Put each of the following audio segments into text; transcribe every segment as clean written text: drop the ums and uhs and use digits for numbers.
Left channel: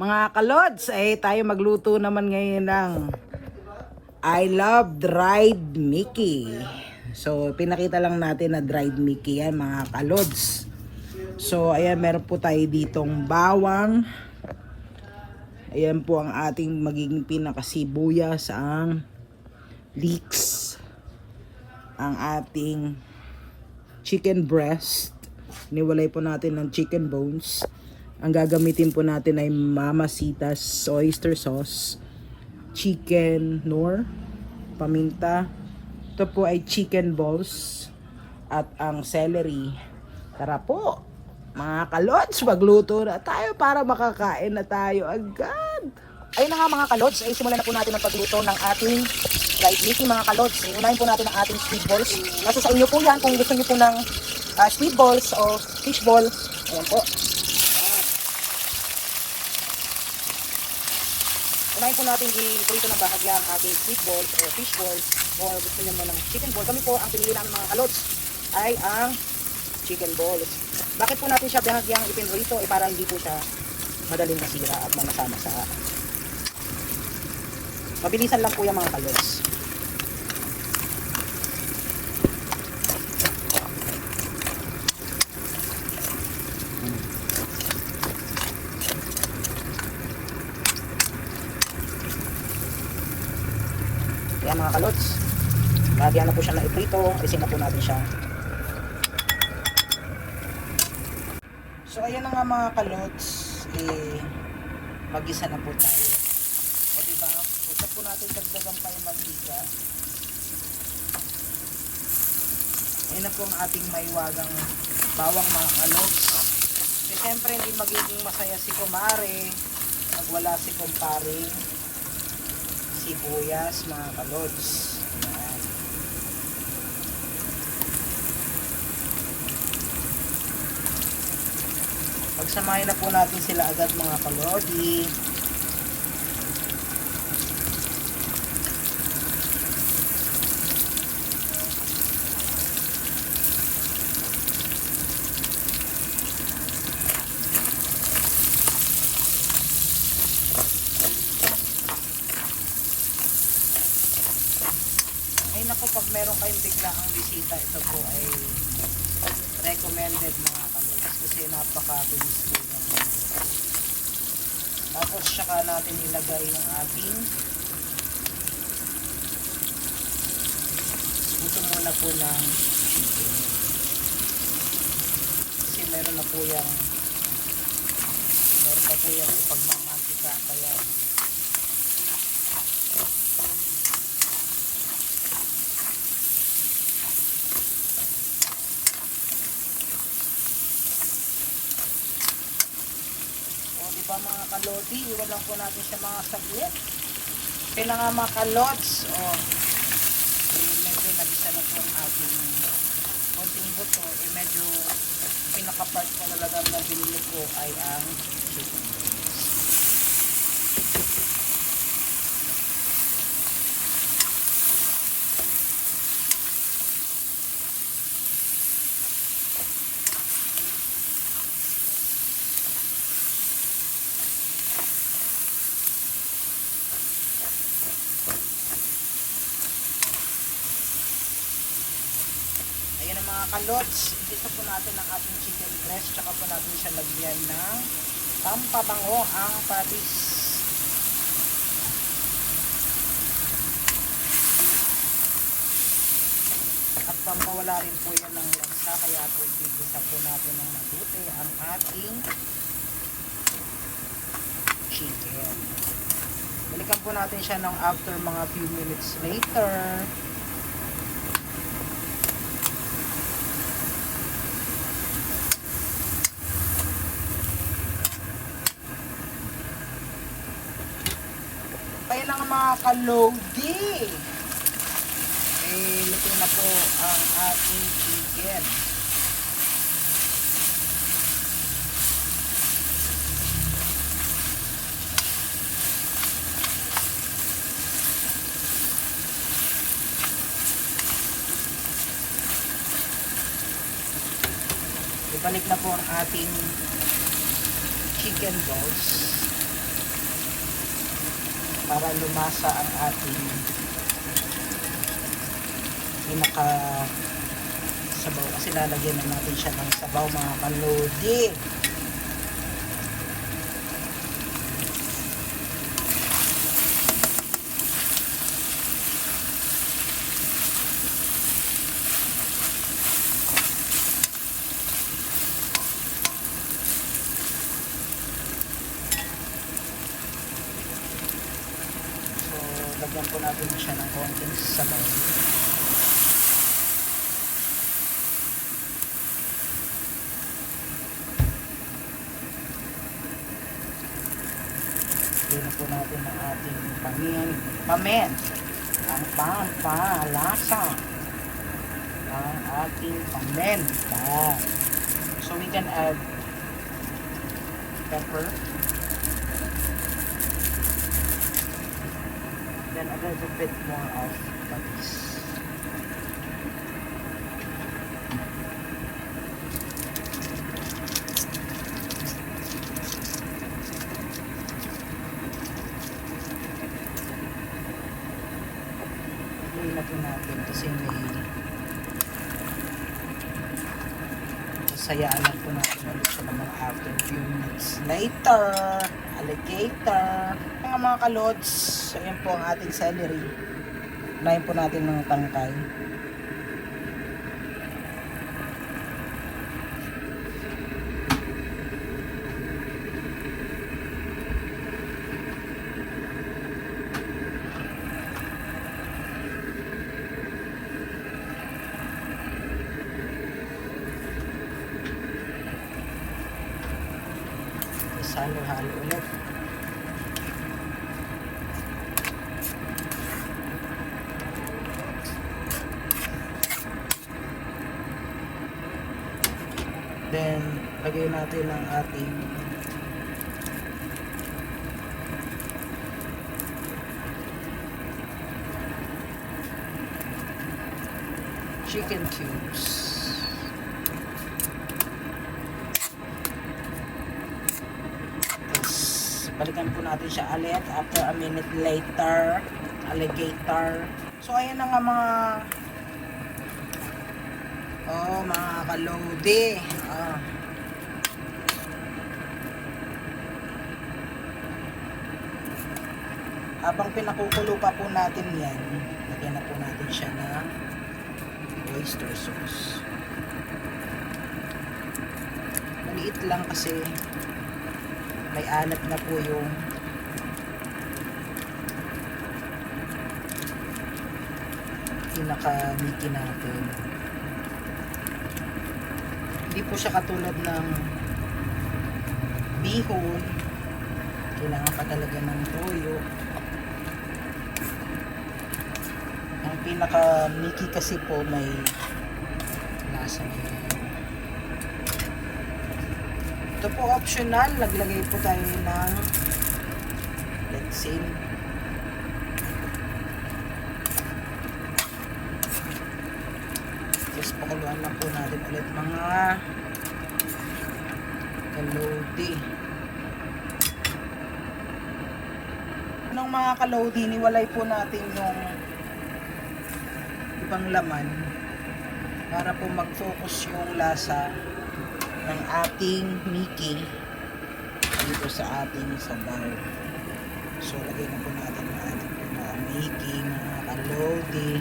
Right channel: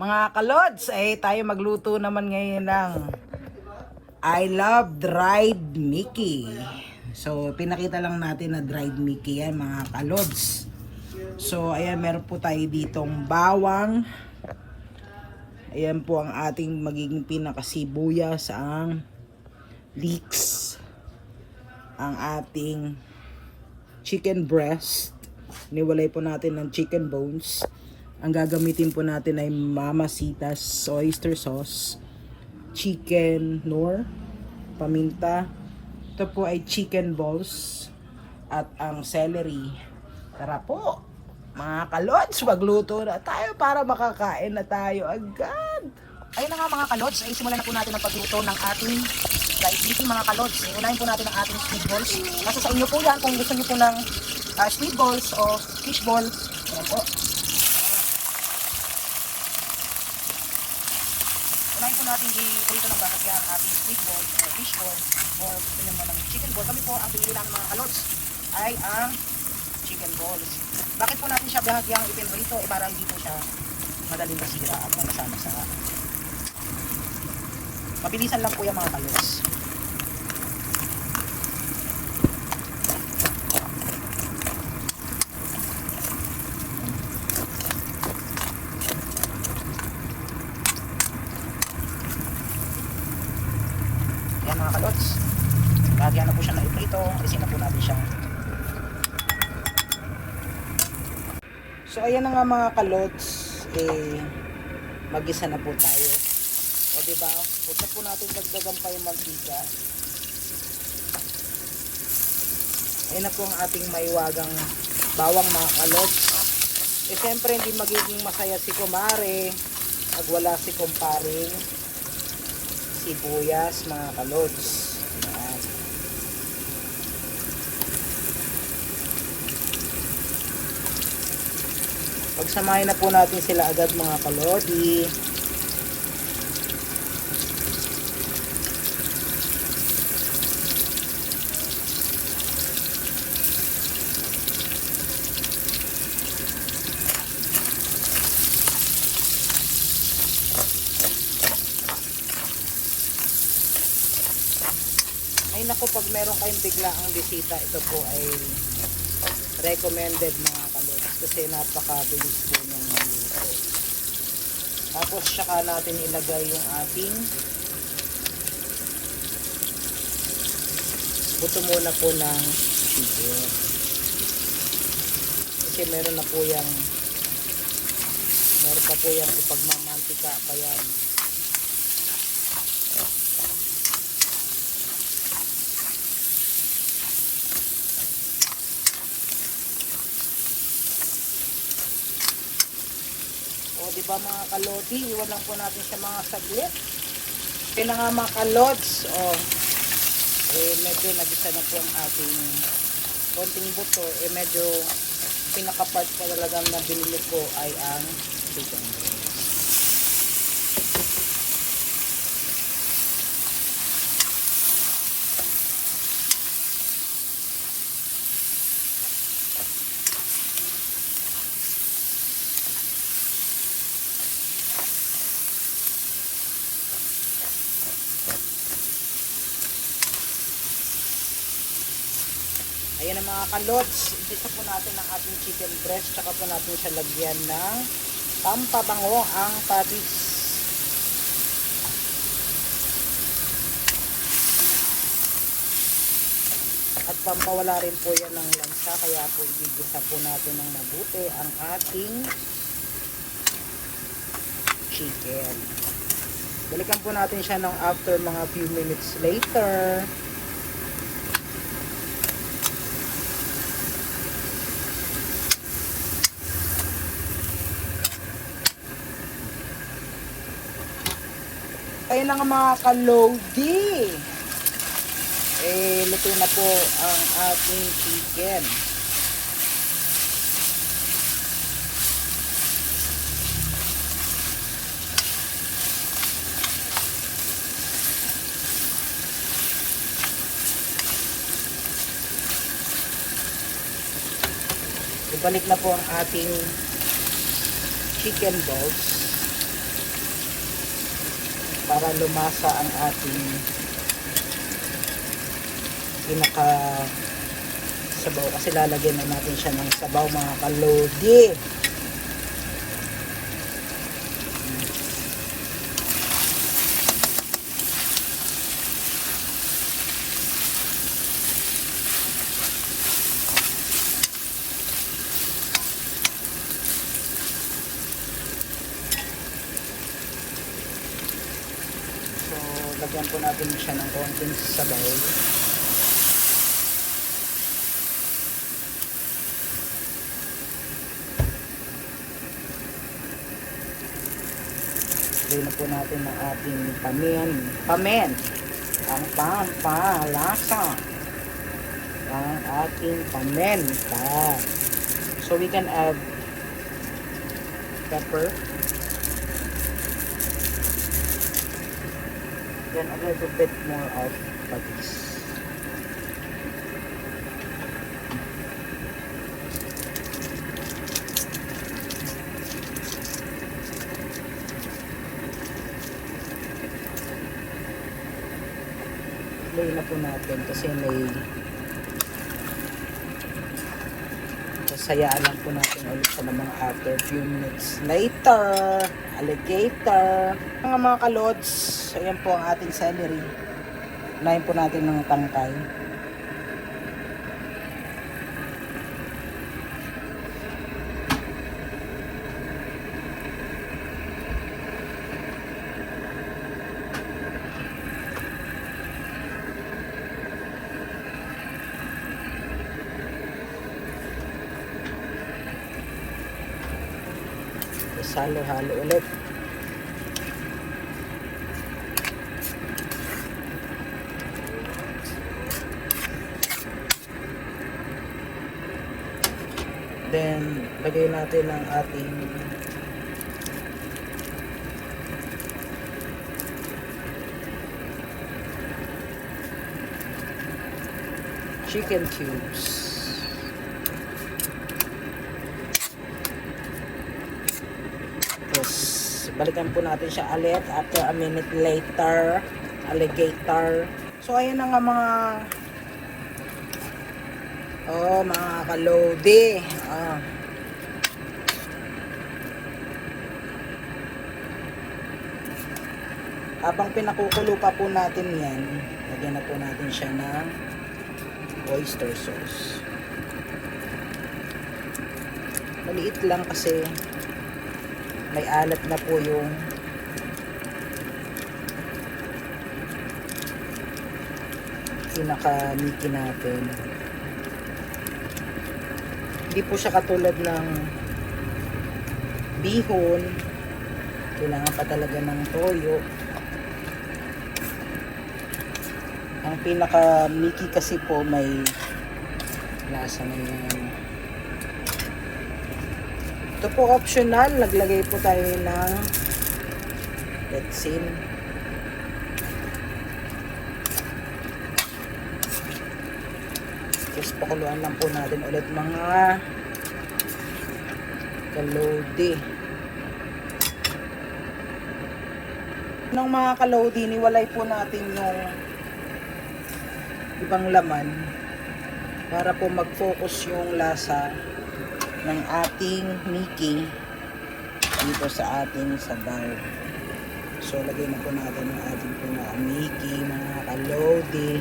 Mga kalods, tayo magluto naman ngayon ng I love dried Mickey. So, pinakita lang natin na dried Mickey yan mga kalods. So, ayan, meron po tayo ditong bawang. Ayan po ang ating magiging pinakasibuyas, ang leeks, ang ating chicken breast. Niwalay po natin ng chicken bones. Ang gagamitin po natin ay Mamacita's oyster sauce, chicken nor, paminta. Ito po ay chicken balls at ang celery. Tara po mga kalods, magluto na tayo para makakain na tayo agad. Ayun na nga mga kalods, ay simulan na po natin ang pagluto ng ating dried Mickey mga kalods. Unahin po natin ang ating squid balls. Nasa sa inyo po yan kung gusto niyo po ng squid balls o fish ball. Ayan po. Unahin po natin i-prito ng bahagya ang ating squid balls o fish balls o gusto niyo mo ng chicken ball. Kami po ang pinili namin mga kalods ay ang chicken ball. Bakit po natin siya bahagyang ipinrito? Para hindi po siya madaling masira at masama-sa. Mabilisan lang po yung mga kalods. Yan mga kalods. Lagyan na po siya na iprito. Alisin na po natin siya. So ayan na nga mga kalods. Mag-isa na po tayo. O diba? Huwag po natin dagdagan pa yung mantika. Ayan na po ang ating maiwagang bawang mga kalods. Siyempre hindi magiging masaya si kumare pag wala si kumpare sibuyas mga kalods. Ayan. Pagsamahin na po natin sila agad mga kalodi. Ay naku, pag meron kayong biglaang bisita, ito po ay recommended mga kalod kasi napakabilis po ng luto. Tapos saka natin ilagay yung ating buto muna po ng chicken kasi meron pa po yung ipagmamantika pa yan. O diba mga kalodi, iwan lang po natin sa mga saglit. Kaya na nga mga kalods, medyo nagisa na po ang ating konting buto. Medyo pinaka-part pa talagang na binili ko ay ang chicken. Ayan ang mga kalods, ito po natin ang ating chicken breast, saka po natin siya lagyan ng pampabango ang patis. At pampawala rin po yan ng lansa, kaya po igigisa po natin ng mabuti ang ating chicken. Balikan po natin siya ng after mga few minutes later. Kaya na nga mga kalodi. Luto na po ang ating chicken. Ibalik na po ang ating chicken balls. para lumasa ang ating pinaka sabaw, kasi lalagyan na natin siya ng sabaw mga kalodi. Lagyan po natin siya ng konting sabaw. Lagyan na po natin ng ating pamen, ang pampalasa, ang ating paminta. So we can add pepper, then a little bit more of patis. Luin na po natin kasi may sayaan lang po natin ulit sa mga after few minutes later. Alligator. Mga kalods, ayan po ang ating celery. Lain po natin ng tangkay. Halo-halo ulit. Then, lagay natin ang ating chicken cubes. Balikan po natin siya ulit after a minute later. Alligator. So ayan na nga mga kalodi. Habang pinakukulo pa po natin yan, lagyan na po natin siya ng oyster sauce. Maliit lang kasi may alat na po yung pinaka-miki natin. Hindi po siya katulad ng bihon. Kailangan pa talaga ng toyo. Ang pinaka-miki kasi po may lasa na yan. Ito po optional, naglagay po tayo ng retsin. Just pakuluan lang po natin ulit mga kalodi. Nung mga kalodi, niwalay po natin yung ibang laman para po mag-focus yung lasa ng ating miki dito sa ating sabaw. So lagay na po natin ang ating miki mga kalodi.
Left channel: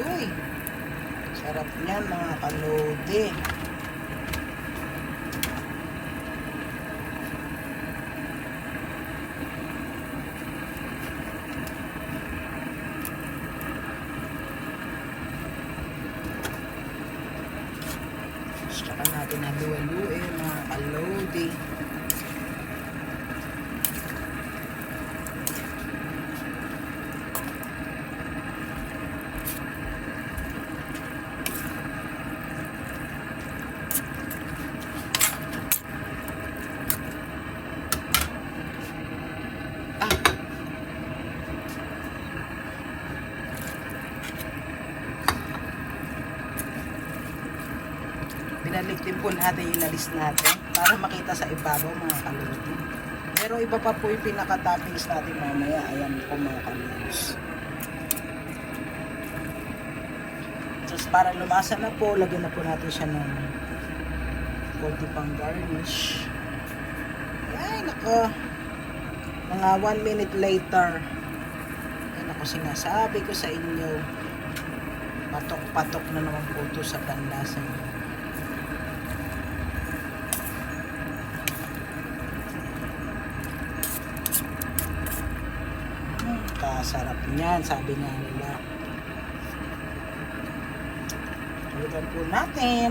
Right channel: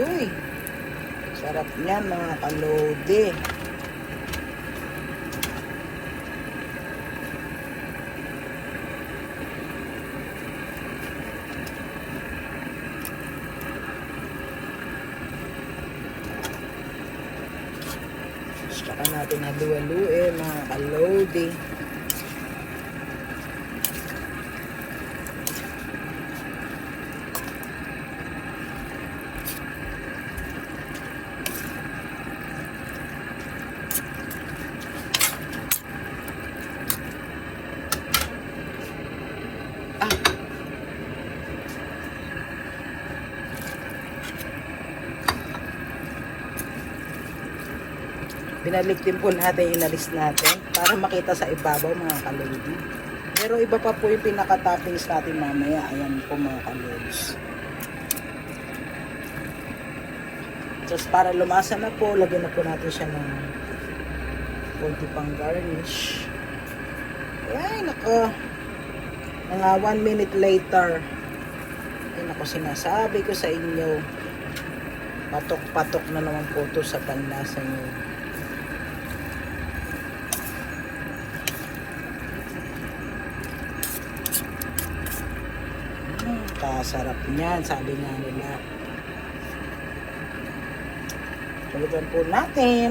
Uy, sarap niyan mga kalodi. Saka natin halu-haluin mga kalodi. Binalik din po natin, inalis natin para makita sa ibabaw mga kalodi. Pero iba pa po yung pinaka-toppings natin mamaya. Ayan po mga kalodi. Tapos para lumasa na po, lagyan na po natin siya ng konti pang garnish. Ayan, nako. Mga 1 minute later. Ayan ako, sinasabi ko sa inyo. Patok-patok na naman po ito sa panlasa nyo. Kasarap niyan, sabi nga nila. Lagyan po natin.